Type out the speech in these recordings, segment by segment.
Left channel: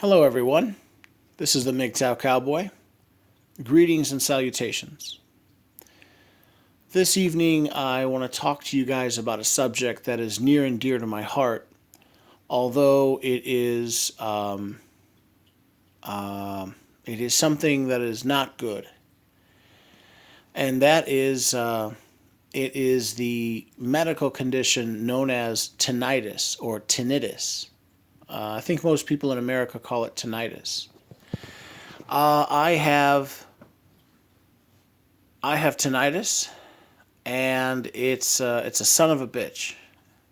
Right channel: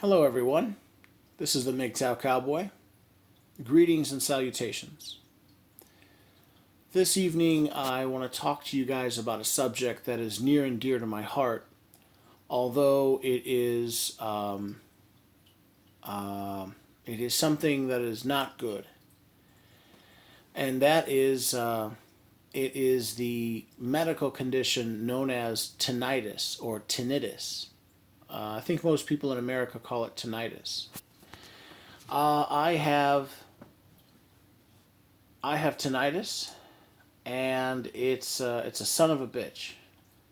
Hello, everyone. This is the MGTOW Cowboy. Greetings and salutations. This evening, I want to talk to you guys about a subject that is near and dear to my heart, although uh, it is something that is not good, and that is it is the medical condition known as tinnitus or tinnitus. I think most people in America call it tinnitus. Uh, I have I have tinnitus, and it's a son of a bitch.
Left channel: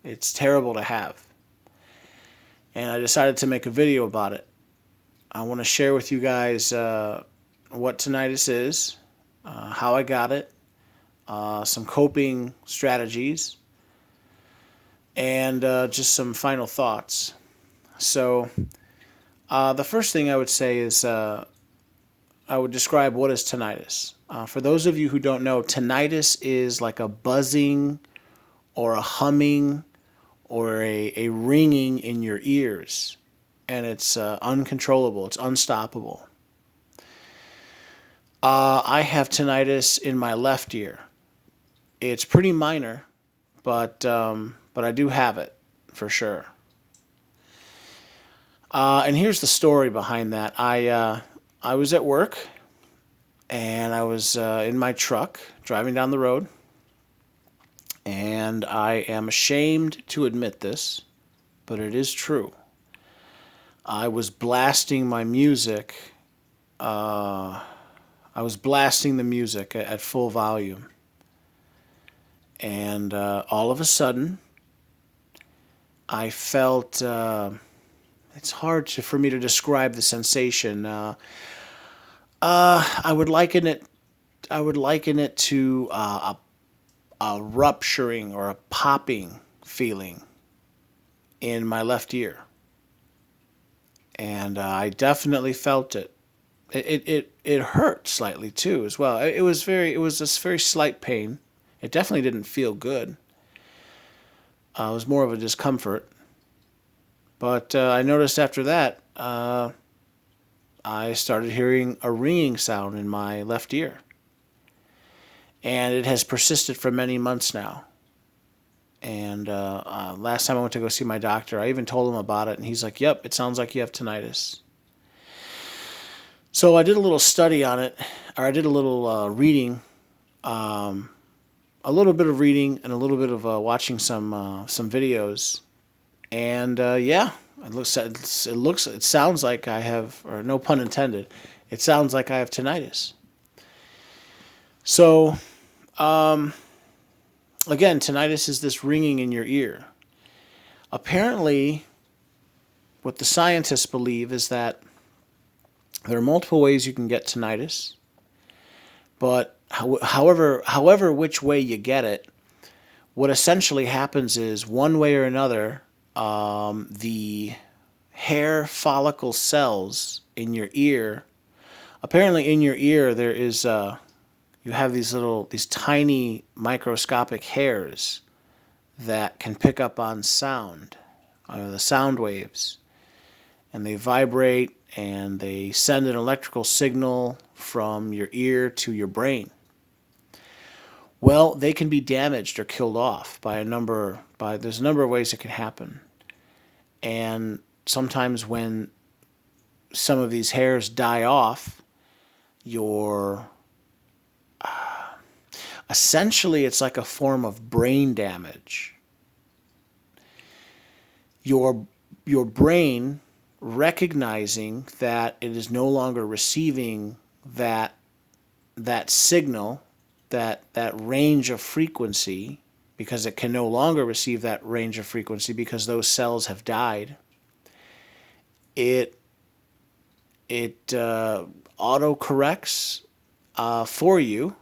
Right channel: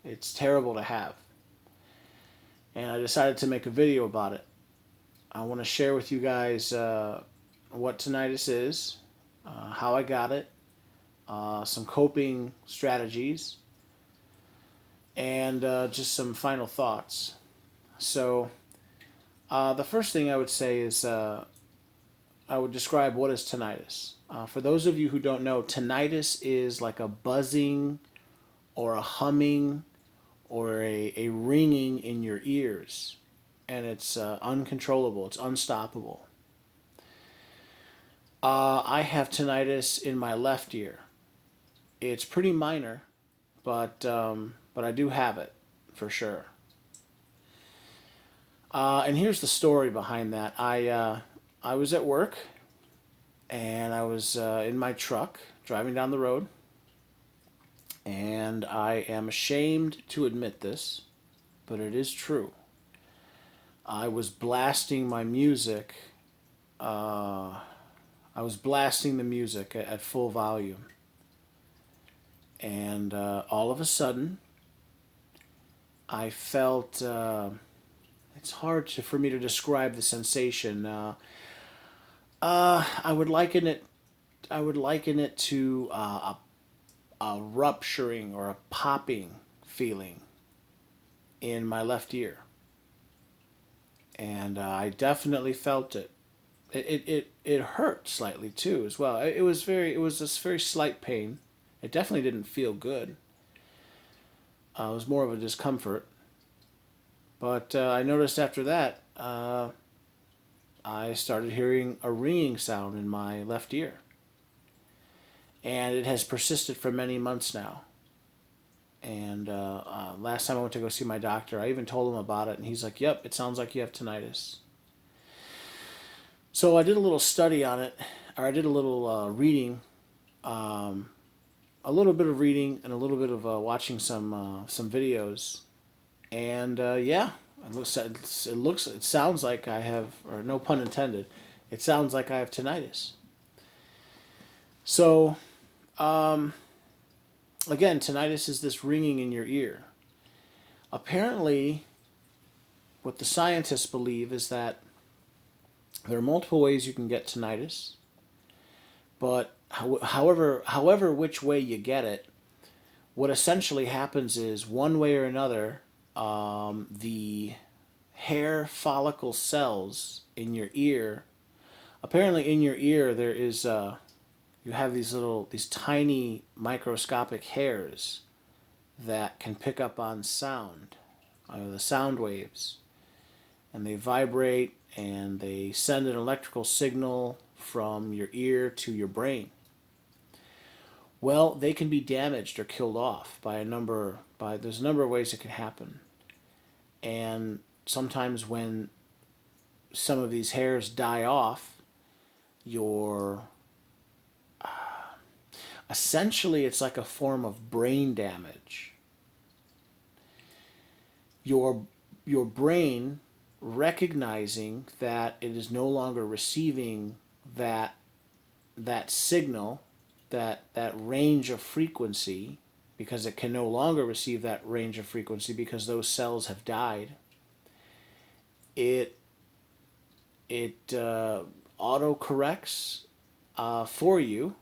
It's terrible to have, and I decided to make a video about it. I want to share with you guys what tinnitus is, how I got it, some coping strategies, and just some final thoughts. So, the first thing I would say is I would describe what is tinnitus. For those of you who don't know, tinnitus is like a buzzing or a humming or a ringing in your ears, and it's uncontrollable, it's unstoppable. I have tinnitus in my left ear. It's pretty minor, but I do have it for sure. And here's the story behind that. I was at work, and I was in my truck driving down the road, and I am ashamed to admit this, but it is true. I was blasting my music. Uh, I was blasting the music at full volume, and all of a sudden, I felt. It's hard for me to describe the sensation. I would liken it. I would liken it to a rupturing or a popping feeling in my left ear, and I definitely felt it. It hurt slightly too as well. It was this very slight pain. It definitely didn't feel good. It was more of a discomfort. But I noticed after that, I started hearing a ringing sound in my left ear, and it has persisted for many months now. And last time I went to go see my doctor, I even told him about it, and he's like, "Yep, it sounds like you have tinnitus." So I did a little study on it, or I did a little reading, um, a little bit of reading, and a little bit of watching some videos, and yeah, it sounds like I have, or no pun intended, it sounds like I have tinnitus. So um, again, tinnitus is this ringing in your ear. Apparently, what the scientists believe is that there are multiple ways you can get tinnitus, but however which way you get it, what essentially happens is one way or another, the hair follicle cells in your ear. Apparently, in your ear there is you have these tiny microscopic hairs that can pick up on sound, the sound waves, and they vibrate and they send an electrical signal from your ear to your brain. Well, they can be damaged or killed off by there's a number of ways it can happen. And sometimes when some of these hairs die off, your essentially it's like a form of brain damage. Your your brain recognizing that it is no longer receiving that that signal, that range of frequency, because it can no longer receive that range of frequency because those cells have died. It it auto corrects for you,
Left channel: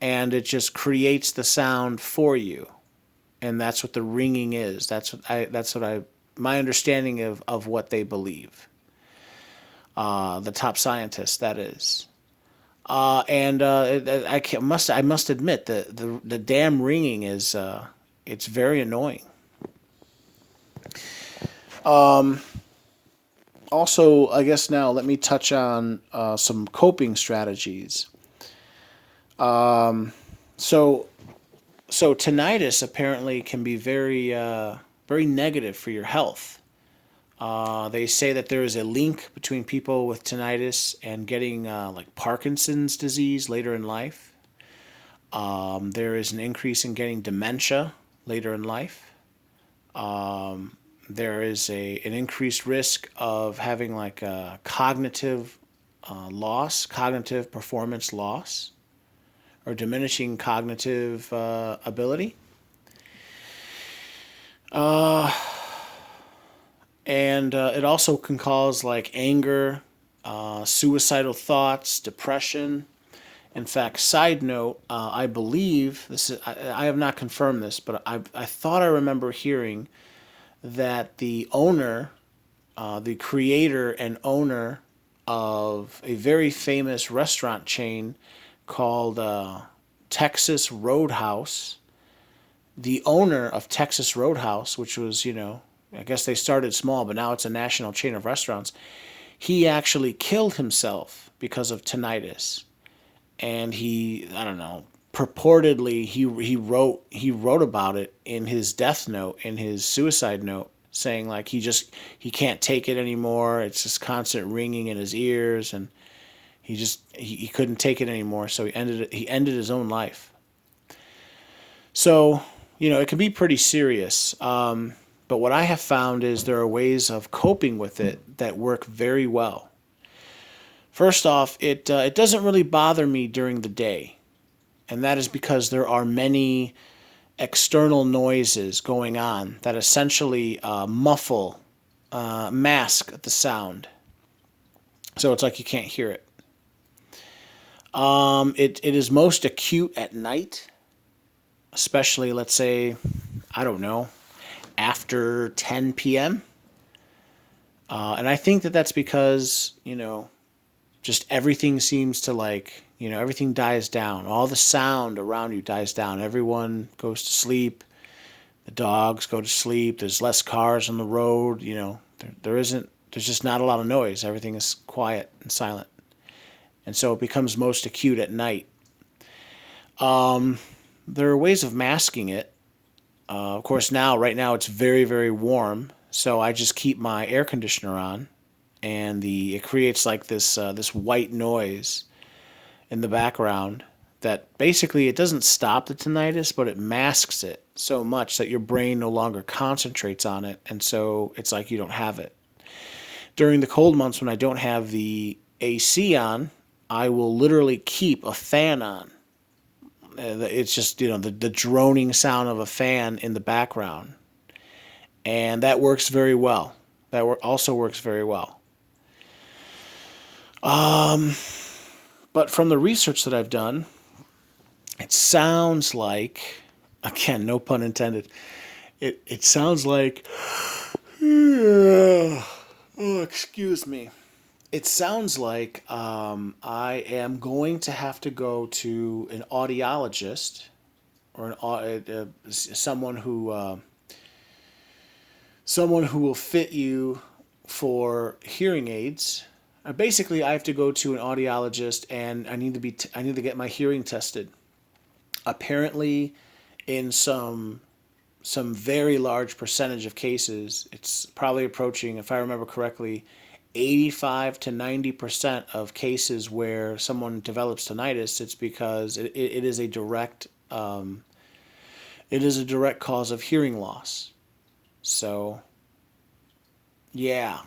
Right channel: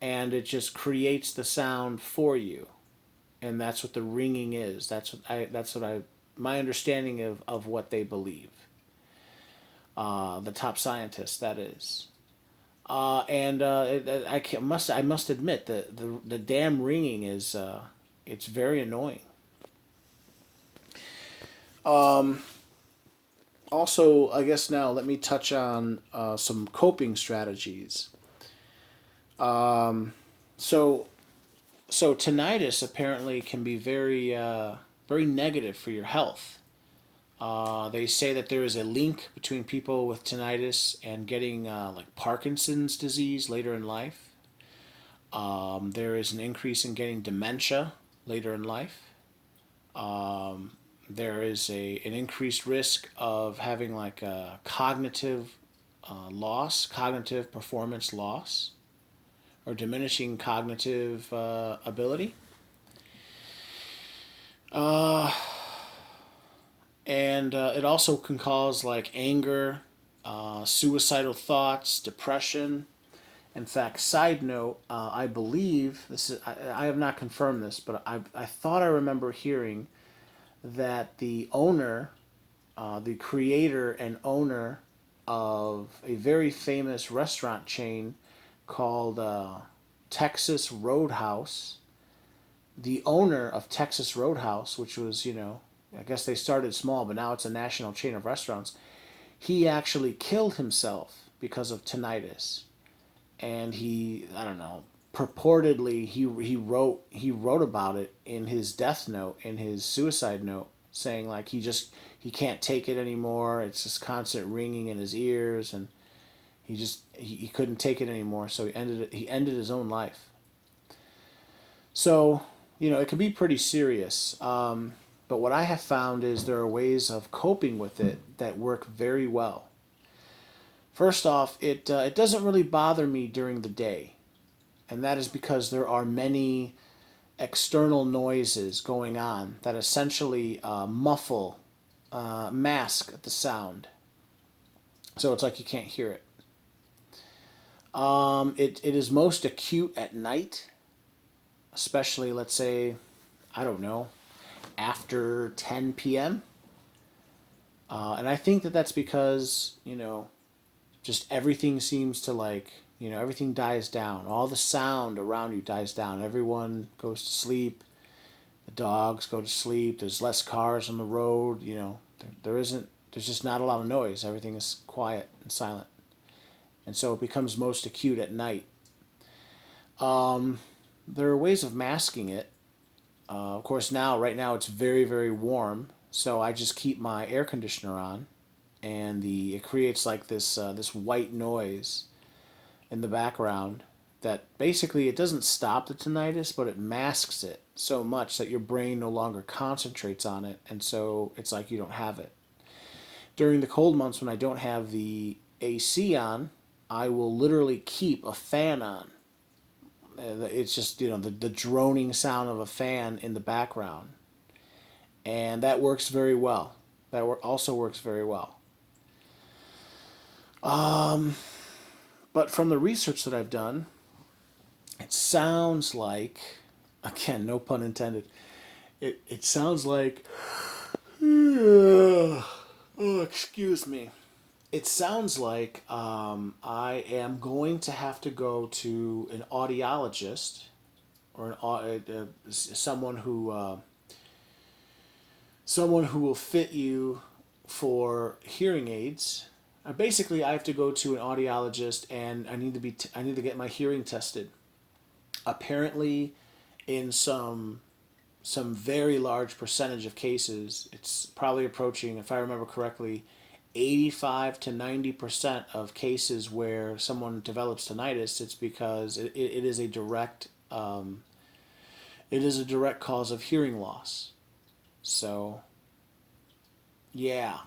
and it just creates the sound for you, and that's what the ringing is. That's what I my understanding of what they believe. The top scientists, that is. And I must admit the damn ringing is it's very annoying. Also, I guess now let me touch on some coping strategies. So, so tinnitus apparently can be very negative for your health. They say that there is a link between people with tinnitus and getting like Parkinson's disease later in life. There is an increase in getting dementia later in life. There is an increased risk of having like a cognitive loss, cognitive performance loss, or diminishing cognitive ability. Uh, and it also can cause like anger, suicidal thoughts, depression. In fact, side note, I believe this is, I have not confirmed this, but I thought I remember hearing that the owner, the creator and owner of a very famous restaurant chain called Texas Roadhouse, the owner of Texas Roadhouse, which was, I guess they started small, but now it's a national chain of restaurants, he actually killed himself because of tinnitus. And he, I don't know, purportedly he wrote about it in his death note, in his suicide note, saying like he can't take it anymore. It's just constant ringing in his ears, and he couldn't take it anymore, so he ended his own life. So, it can be pretty serious. But what I have found is there are ways of coping with it that work very well. First off, it doesn't really bother me during the day, and that is because there are many external noises going on that essentially muffle, mask the sound. So it's like you can't hear it. It is most acute at night, especially, let's say, I don't know, after 10 p.m. And I think that that's because, just everything seems to like, everything dies down. All the sound around you dies down. Everyone goes to sleep. The dogs go to sleep. There's less cars on the road. There's just not a lot of noise. Everything is quiet and silent. And so it becomes most acute at night. There are ways of masking it. Of course, right now, it's very, very warm. So I just keep my air conditioner on, and it creates like this white noise in the background that basically it doesn't stop the tinnitus, but it masks it so much that your brain no longer concentrates on it, and so it's like you don't have it. During the cold months when I don't have the AC on, I will literally keep a fan on. It's just the droning sound of a fan in the background, and that works very well. Also works very well. But from the research that I've done, it sounds like, again, no pun intended, it sounds like, oh, excuse me. It sounds like I am going to have to go to an audiologist, or someone who will fit you for hearing aids. Basically, I have to go to an audiologist, and I need to get my hearing tested. Apparently, in some very large percentage of cases, it's probably approaching, if I remember correctly, 85 to 90% of cases where someone develops tinnitus, it's because it is a direct cause of hearing loss. So, yeah,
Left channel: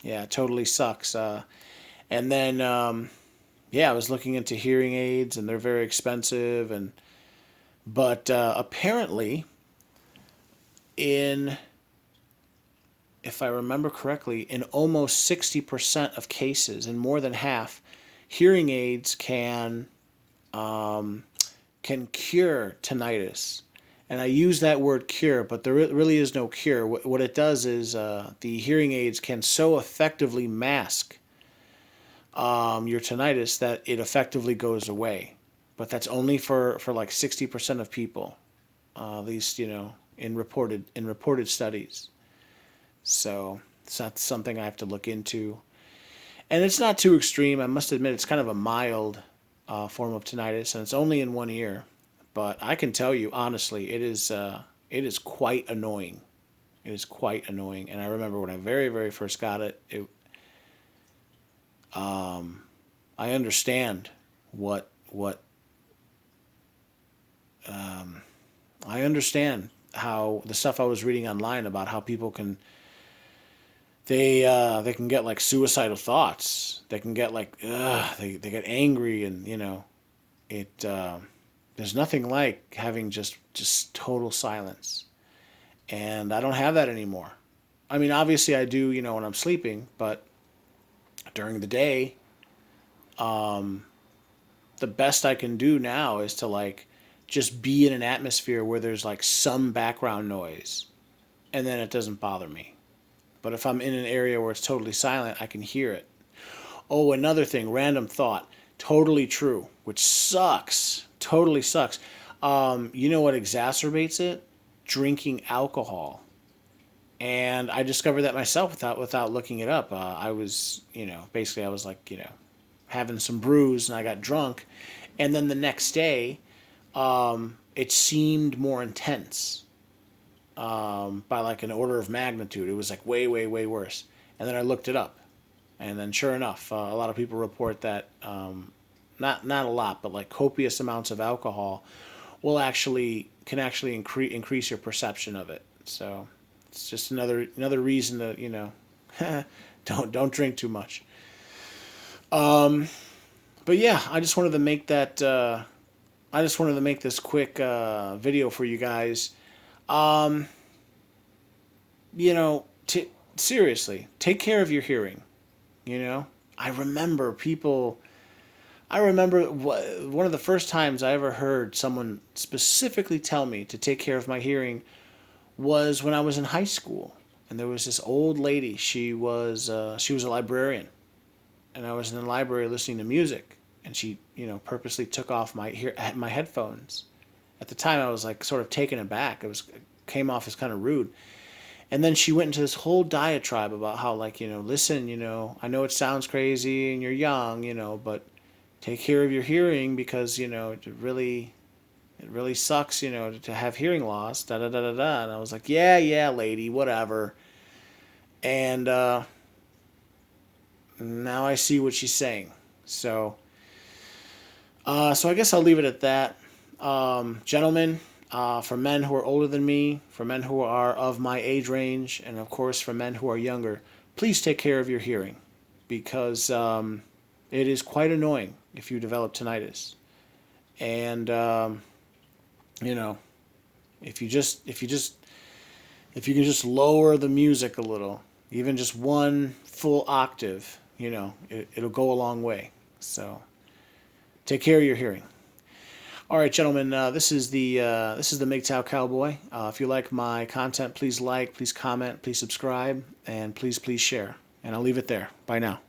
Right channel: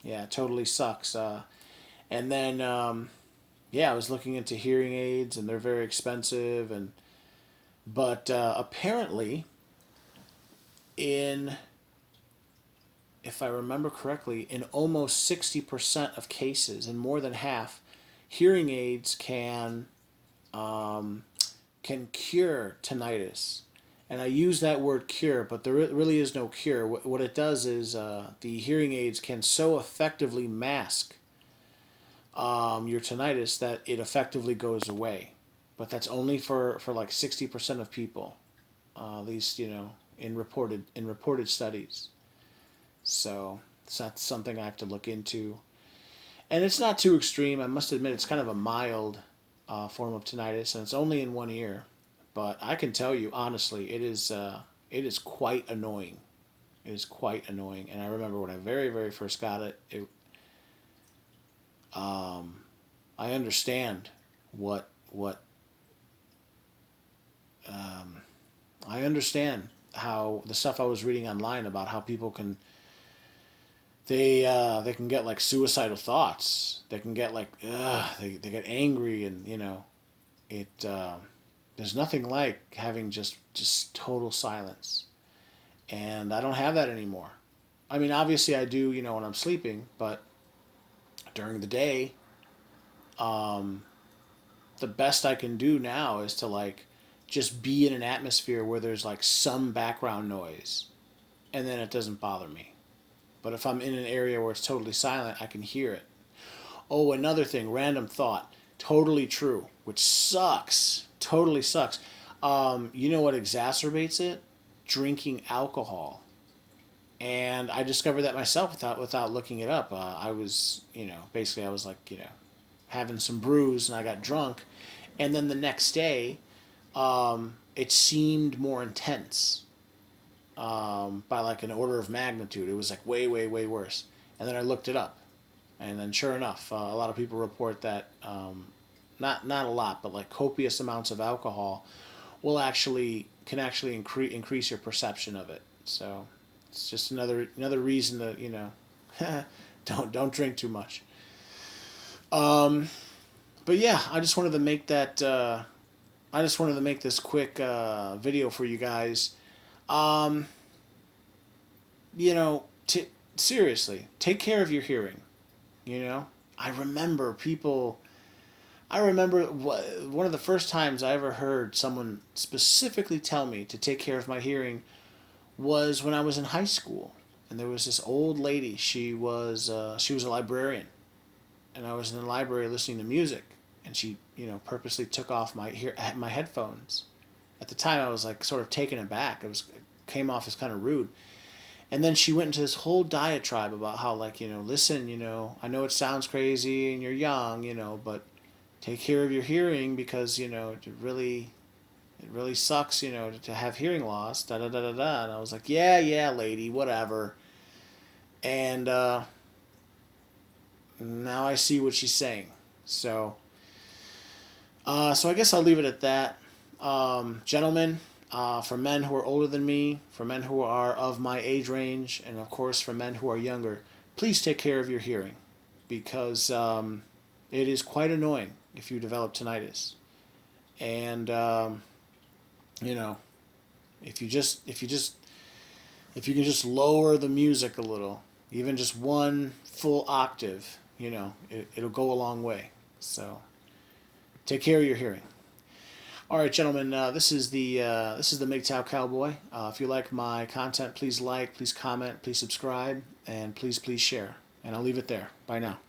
yeah, it totally sucks. And then, yeah, I was looking into hearing aids, and they're very expensive, but apparently, in if I remember correctly, in almost 60% of cases, in more than half, hearing aids can cure tinnitus. And I use that word cure, but there really is no cure. What it does is the hearing aids can so effectively mask your tinnitus that it effectively goes away. But that's only for like 60% of people, at least in reported studies. So So that's something I have to look into. And it's not too extreme. I must admit, it's kind of a mild form of tinnitus, and it's only in one ear. But I can tell you honestly, it is quite annoying. It is quite annoying. And I remember when I very very first got it, I understand what I understand how the stuff I was reading online about how people can they can get like suicidal thoughts. They can get like they get angry, and it there's nothing like having just total silence. And I don't have that anymore. I mean, obviously I do, when I'm sleeping, but during the day, the best I can do now is to like just be in an atmosphere where there's like some background noise, and then it doesn't bother me. But if I'm in an area where it's totally silent, I can hear it. Oh, another thing, random thought. Totally true, which sucks. Totally sucks. You know what exacerbates it? Drinking alcohol. And I discovered that myself without looking it up. I was, basically I was like, having some brews, and I got drunk. And then the next day, it seemed more intense, by like an order of magnitude. It was like way, way, way worse. And then I looked it up, and then sure enough, a lot of people report that, not a lot, but like copious amounts of alcohol can actually increase your perception of it. So it's just another reason to don't drink too much. But yeah, I just wanted to make that. I just wanted to make this quick video for you guys. Um, Seriously, take care of your hearing. You know, I remember people. I remember one of the first times I ever heard someone specifically tell me to take care of my hearing was when I was in high school, and there was this old lady. She was a librarian, and I was in the library listening to music, and she purposely took off my headphones. At the time, I was like sort of taken aback. It came off as kind of rude. And then she went into this whole diatribe about how, like, listen, I know it sounds crazy and you're young, but take care of your hearing, because it really sucks, to have hearing loss. Da da da da da. And I was like, yeah, yeah, lady, whatever. And now I see what she's saying. So I guess I'll leave it at that. Gentlemen, for men who are older than me, for men who are of my age range, and of course for men who are younger, please take care of your hearing, because it is quite annoying if you develop tinnitus. And you know, if you can just lower the music a little, even just one full octave, it'll go a long way. So take care of your hearing. All right, gentlemen. This is the MGTOW Cowboy. If you like my content, please like, please comment, please subscribe, and please share. And I'll leave it there. Bye now.